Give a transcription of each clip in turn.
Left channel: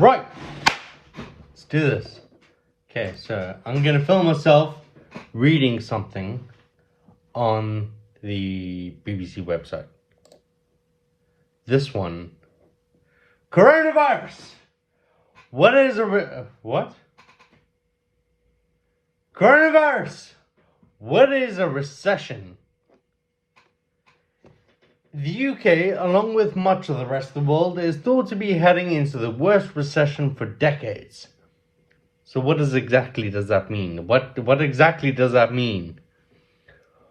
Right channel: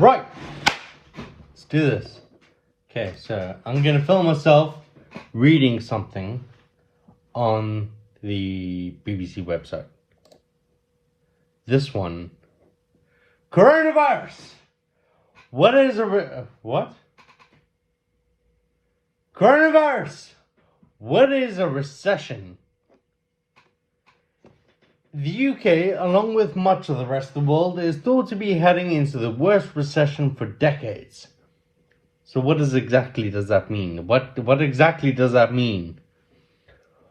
Right, let's do this. Okay, so I'm gonna film myself reading something on the BBC website. This one, coronavirus. What is what? Coronavirus. What is a recession? The UK, along with much of the rest of the world, is thought to be heading into the worst recession for decades. So what exactly does that mean? What exactly does that mean?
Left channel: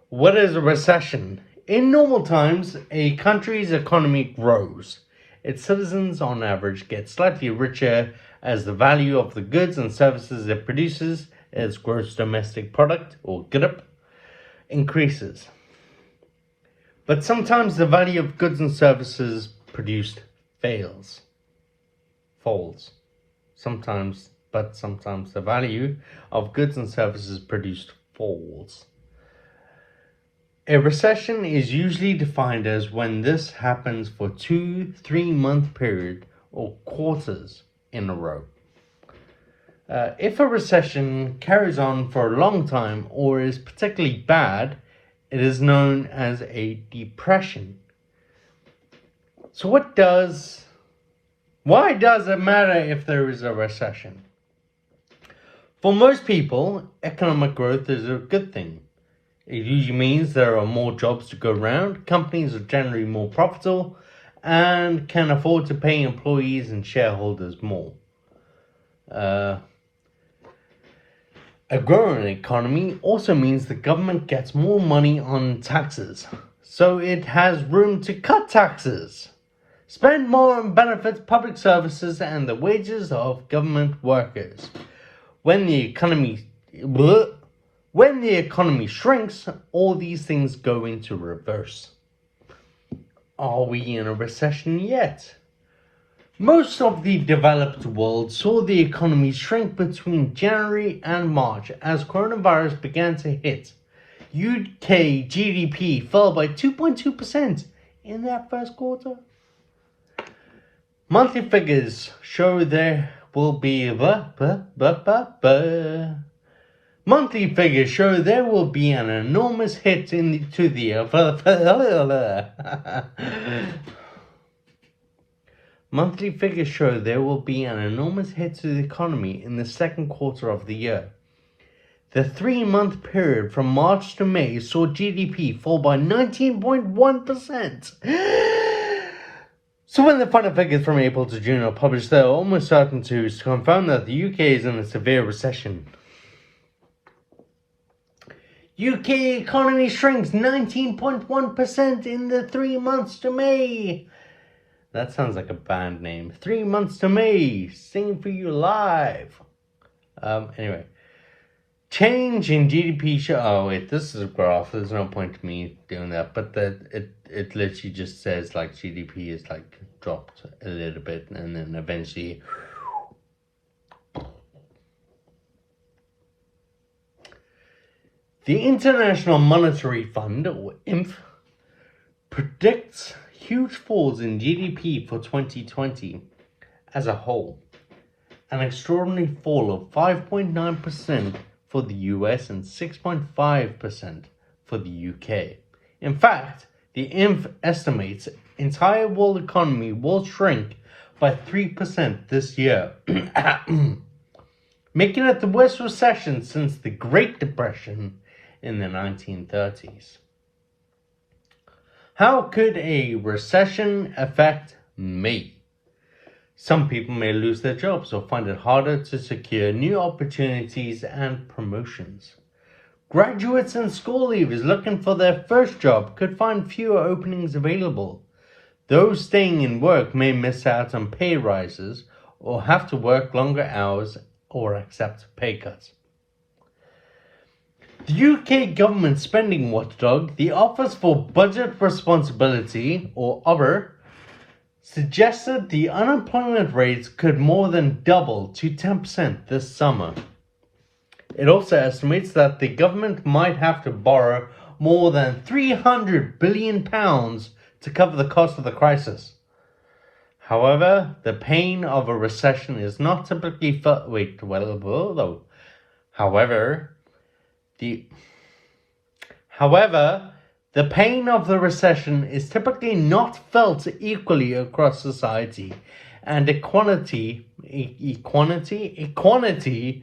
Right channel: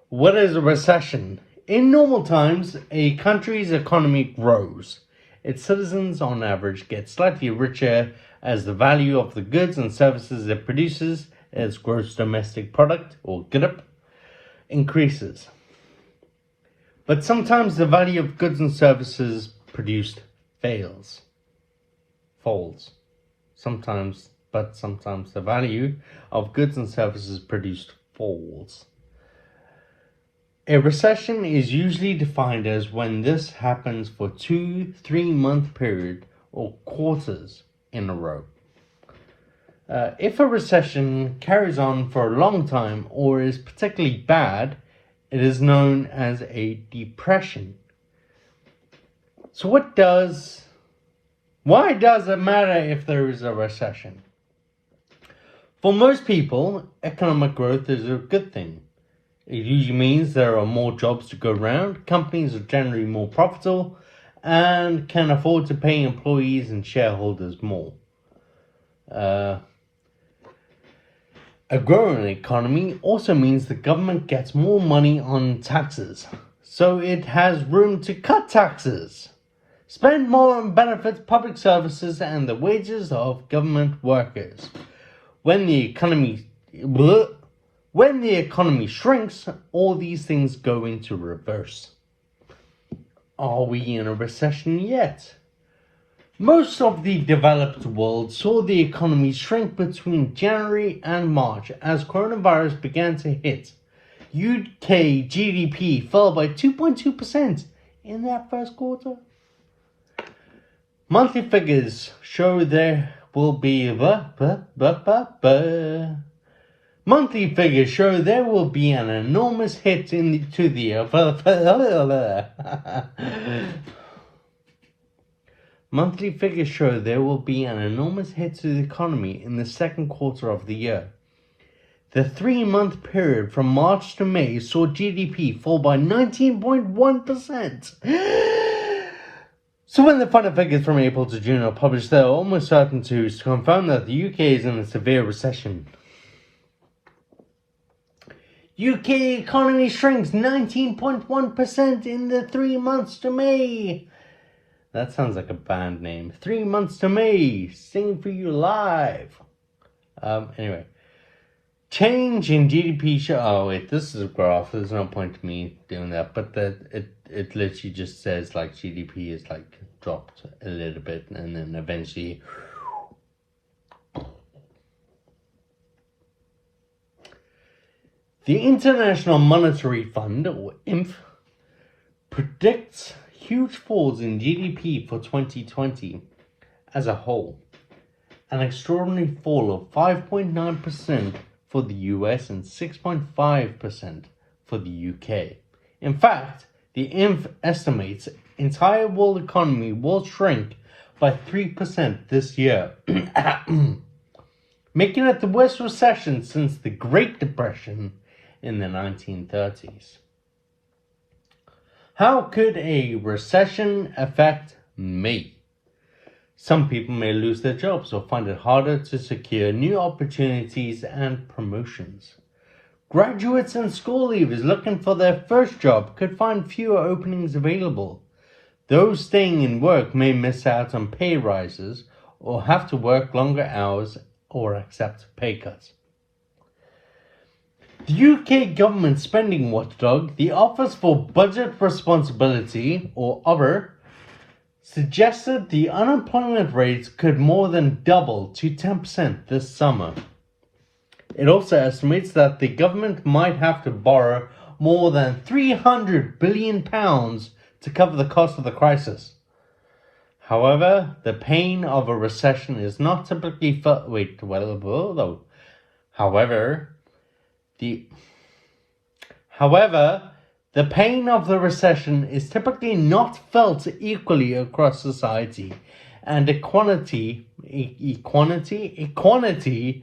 What is a recession? In normal times, a country's economy grows. Its citizens, on average, get slightly richer as the value of the goods and services it produces, its gross domestic product, or GDP, increases. But sometimes the value of goods and services produced falls. Sometimes the value of goods and services produced falls. A recession is usually defined as when this happens for 2-3 month period or quarters in a row. If a recession carries on for a long time or is particularly bad, it is known as a depression. So why does it matter if there is a recession? For most people, economic growth is a good thing. It usually means there are more jobs to go around, companies are generally more profitable, and can afford to pay employees and shareholders more. A growing economy also means the government gets more money on taxes, so it has room to cut taxes, spend more on benefits, public services, and the wages of government workers. When the economy shrinks, all these things go into reverse. Are we in a recession yet? Most of the developed world saw the economy shrink between January and March as coronavirus began to hit. UK GDP fell by 2.2% in that first quarter. Monthly figures show there will be an enormous hit to the Monthly figures show there will be an enormous hit to the economy in the second quarter of the year. The 3-month period from March to May saw GDP fall by 19.1%. So when the final figures from April to June are published, they are almost certain to confirm that the UK is in a severe recession. UK economy shrinks 19.1% in the 3 months to May. That sounds like a band name. 3 months to May, singing for you live. Anyway, change in GDP. Oh wait, this is a graph. There's no point to me doing that. But it literally just says like GDP is like dropped a little bit, and then eventually. The International Monetary Fund, or IMF, predicts huge falls in GDP for 2020 as a whole. An extraordinary fall of 5.9% for the US and 6.5% for the UK. In fact, the IMF estimates entire world economy will shrink by 3% this year, making it the worst recession since the Great Depression in the 1930s. How could a recession affect me? Some people may lose their jobs or find it harder to secure new opportunities and promotions. Graduates and school leavers looking for their first job could find fewer openings available. Those staying in work may miss out on pay rises or have to work longer hours or accept pay cuts. The UK government spending watchdog, the Office for Budget Responsibility, or OBR, suggested the unemployment rate could more than double to 10% this summer. It also estimates that the government might have to borrow more than £300 billion to cover the cost of the crisis. However, the pain of a recession is not typically felt. However, the pain of the recession is typically not felt equally across society, and equality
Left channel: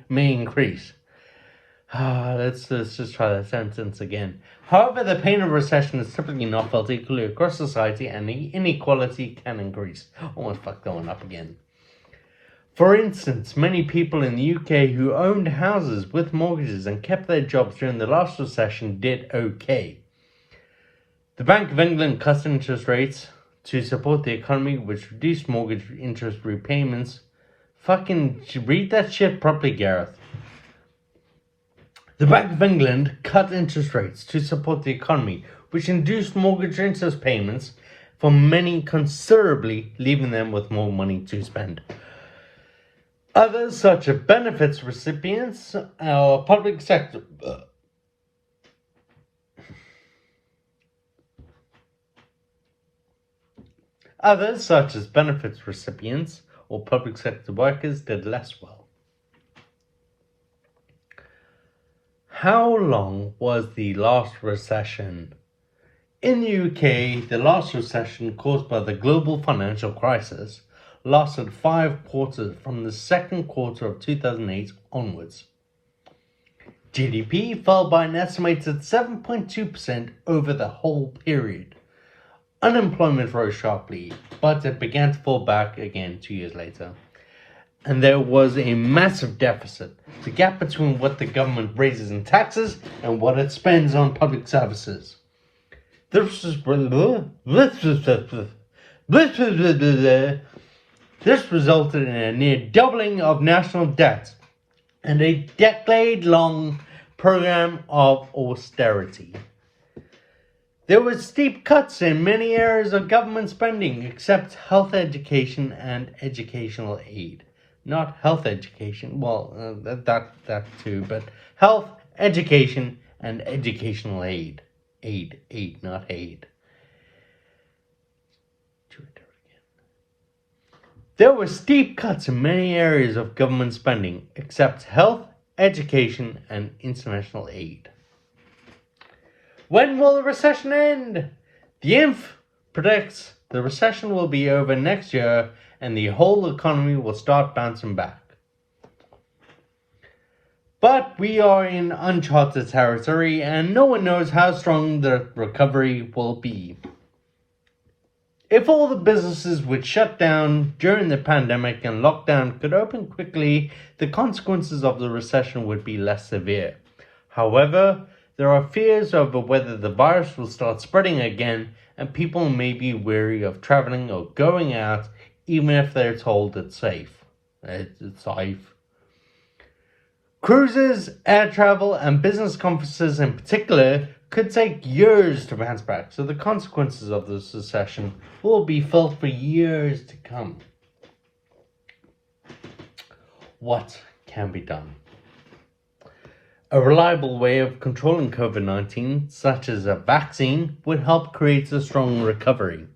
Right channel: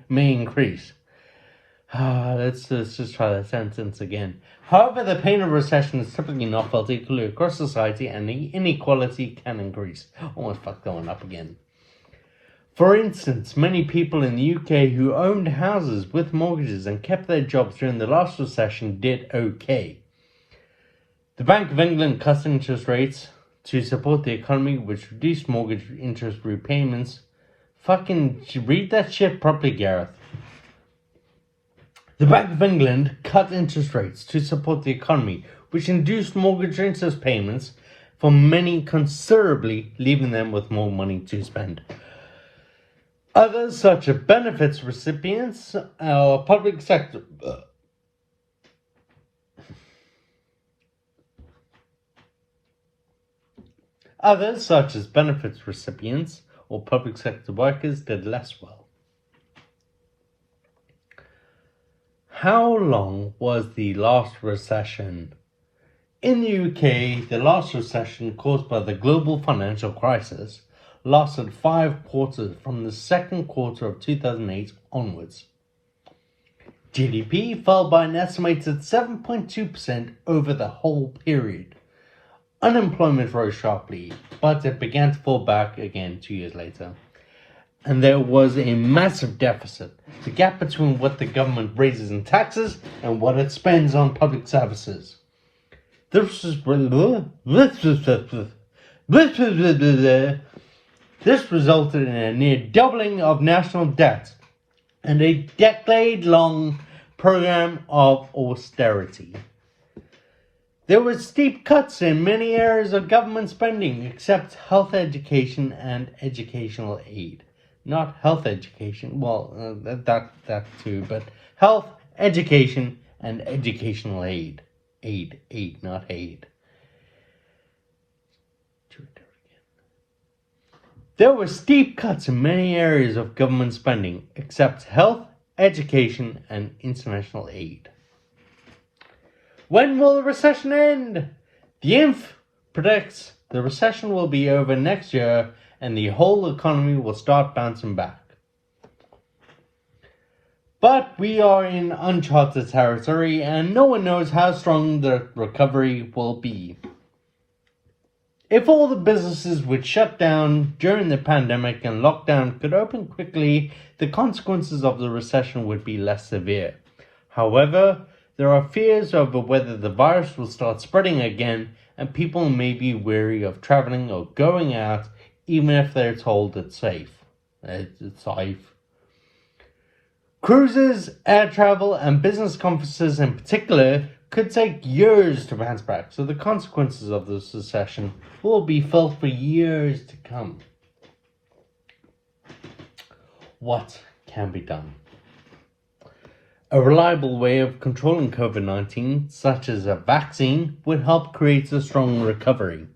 may increase. Let's just try that sentence again. However, the pain of recession is typically not felt equally across society, and the inequality can increase. Almost fucked that one up again. For instance, many people in the UK who owned houses with mortgages and kept their jobs during the last recession did okay. The Bank of England cut interest rates to support the economy, which reduced mortgage interest repayments. Fucking read that shit properly, Gareth. The Bank of England cut interest rates to support the economy, which induced mortgage interest payments for many considerably, leaving them with more money to spend. Others, such as benefits recipients or public sector workers did less well. How long was the last recession? In the UK, the last recession caused by the global financial crisis lasted 5 quarters from the second quarter of 2008 onwards. GDP fell by an estimated 7.2% over the whole period. Unemployment rose sharply, but it began to fall back again 2 years later. And there was a massive deficit, the gap between what the government raises in taxes and what it spends on public services. This resulted in a near doubling of national debt and a decade-long program of austerity. There were steep cuts in many areas of government spending except health education and educational aid. Not health education, that too, but health, education, and educational aid. Aid, not aid. There were steep cuts in many areas of government spending, except health, education, and international aid. When will the recession end? The IMF predicts the recession will be over next year and the whole economy will start bouncing back. But we are in uncharted territory and no one knows how strong the recovery will be. If all the businesses which shut down during the pandemic and lockdown could open quickly, the consequences of the recession would be less severe. However, there are fears over whether the virus will start spreading again and people may be wary of traveling or going out even if they're told it's safe. It's safe. Cruises, air travel, and business conferences in particular could take years to bounce back, so the consequences of this recession will be felt for years to come. What can be done? A reliable way of controlling COVID-19, such as a vaccine, would help create a strong recovery.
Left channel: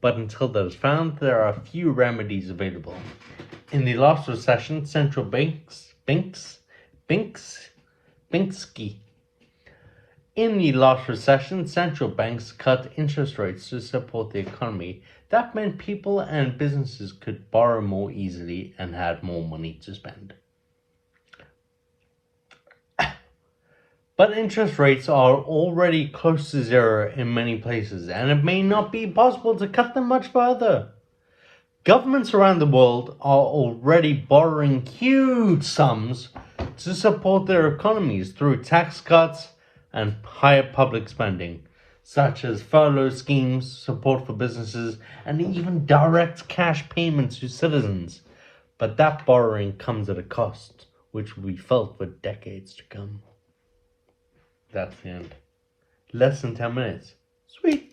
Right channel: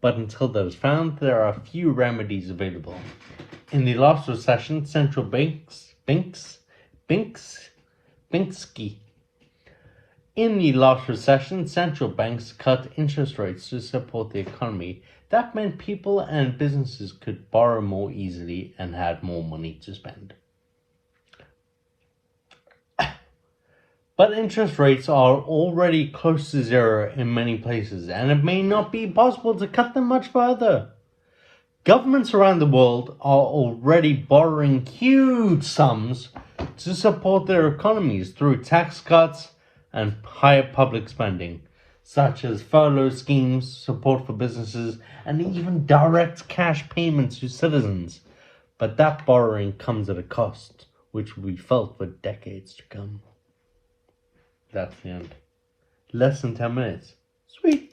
But until that is found, there are few remedies available. In the last recession, central banks cut interest rates to support the economy. That meant people and businesses could borrow more easily and had more money to spend. But interest rates are already close to zero in many places, and it may not be possible to cut them much further. Governments around the world are already borrowing huge sums to support their economies through tax cuts and higher public spending, such as furlough schemes, support for businesses, and even direct cash payments to citizens. But that borrowing comes at a cost, which will be felt for decades to come. That's the end. Less than 10 minutes. Sweet.